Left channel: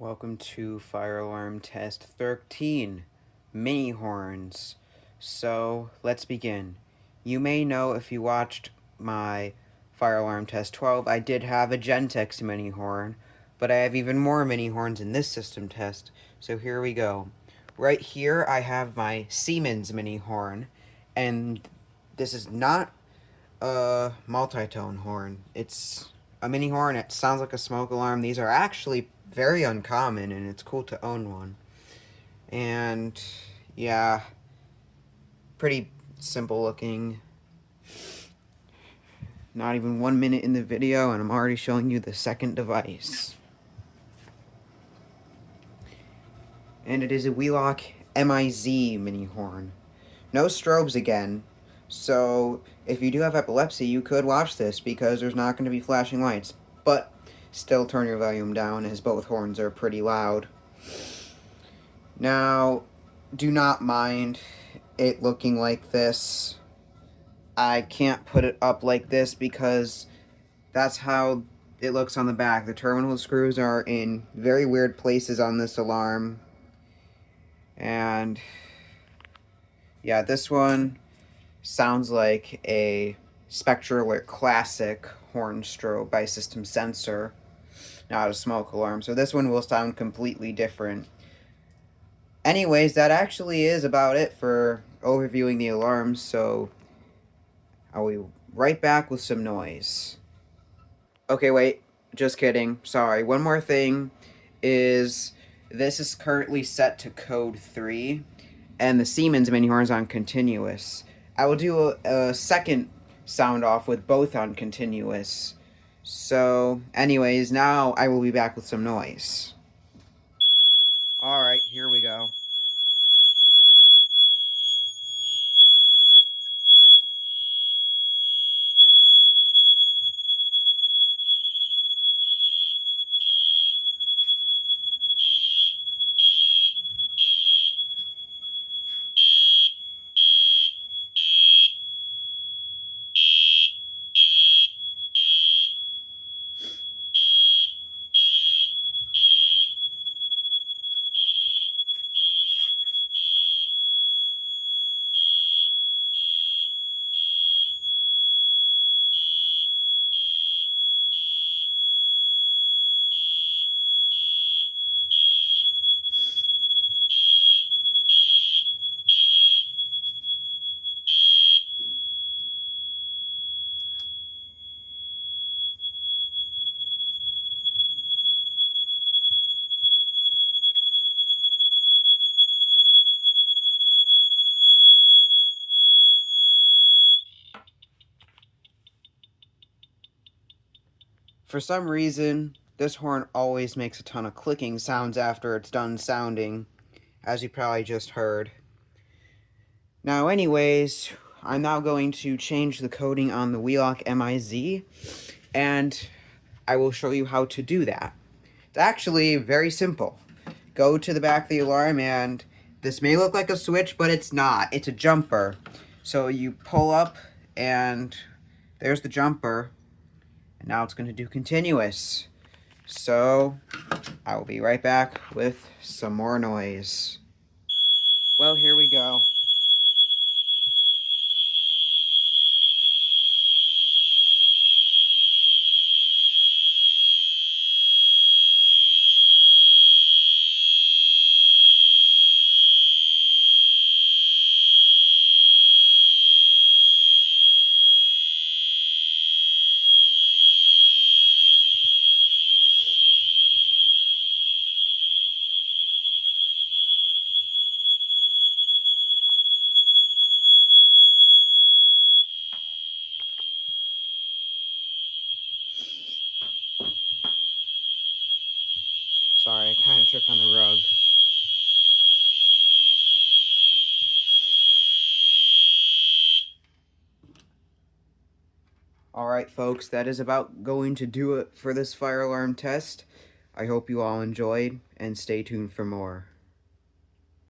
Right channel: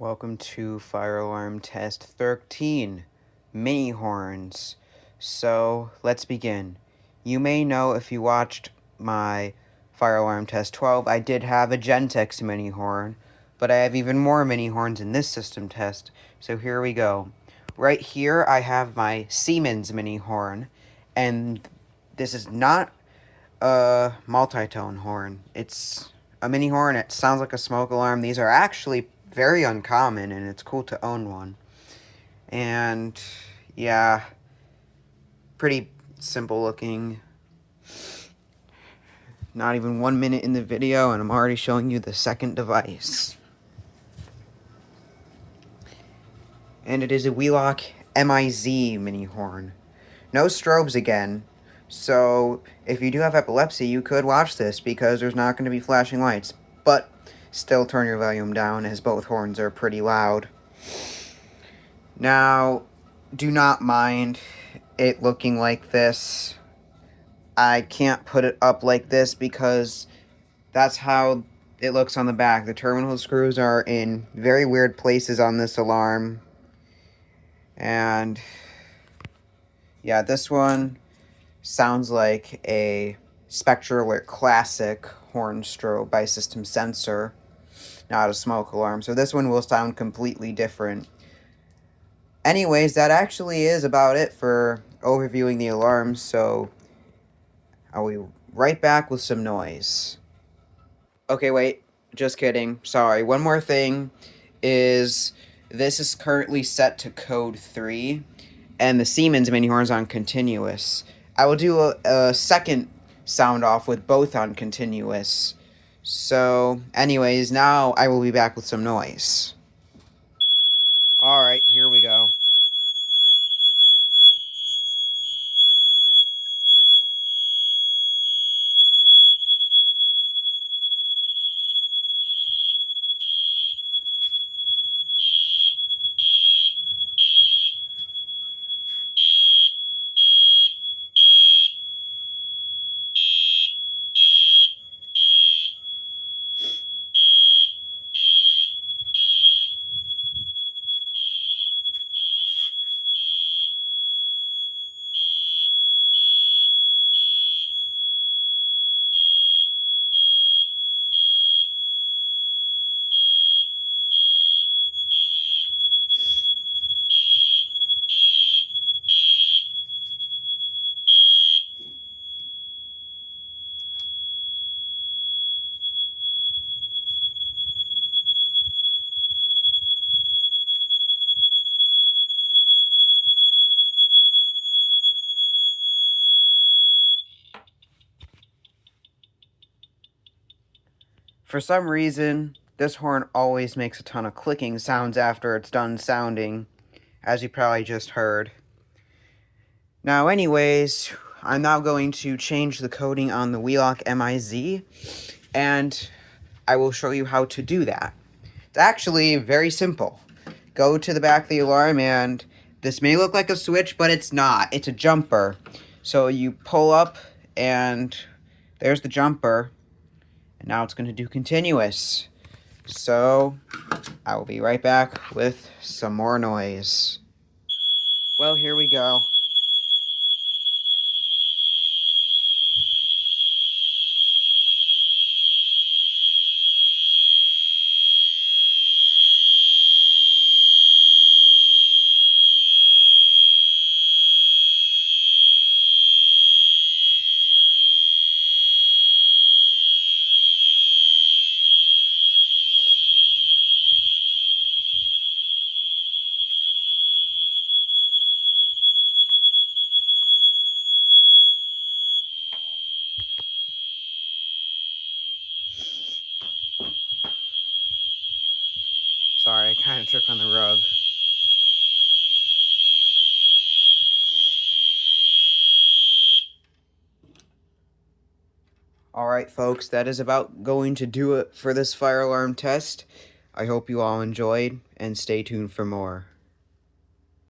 Welcome to fire alarm test 13, mini horns. So let's begin. You may know if you watched my fire alarm test 12, I did have a Gentex mini horn, but I have even more mini horns in this system test. So here we go. Right here I have my Siemens mini horn, and this is not a multi-tone horn. It's a mini horn. It sounds like a smoke alarm. These are actually very uncommon, and it's cool to own one. And yeah, pretty simple looking. Not even 1 minute in the video, and I'm already showing you the second device. And it is a Wheelock MIZ mini horn. No strobes again. So if you do have epilepsy, you could watch this because there's not going to be flashing lights. But still turn your volume down as both horns are pretty loud. Now, do not mind it looking like this. I can't put it up like this because that's how it looks on the back. The terminal screws are in very weird places on this alarm. And yeah, this one sounds like a SpectraAlert Classic horn strobe by System Sensor, not a smoke alarm. So this one will sound completely different. Anyways, that actually is about it for overviewing the alarms, so I'll be right back with some noise. Okay, wait, just kidding. Sorry. One more thing is this is currently set to code 3, and the Siemens mini horn's on continuous. I will do a second sound off with both on continuous. So, anyways, now I will be back with some noise. Alright, here we go. For some reason, this horn always makes a ton of clicking sounds after it's done sounding, as you probably just heard. Now anyways, I'm now going to change the coding on the Wheelock MIZ, and I will show you how to do that. It's actually very simple. Go to the back of the alarm, and this may look like a switch, but it's not. It's a jumper. So you pull up, and there's the jumper. And now it's going to do continuous. So I will be right back with some more noise. Well, here we go. Sorry, I kind of tripped on the rug. Alright, folks, that is about going to do it for this fire alarm test. I hope you all enjoyed, and stay tuned for more.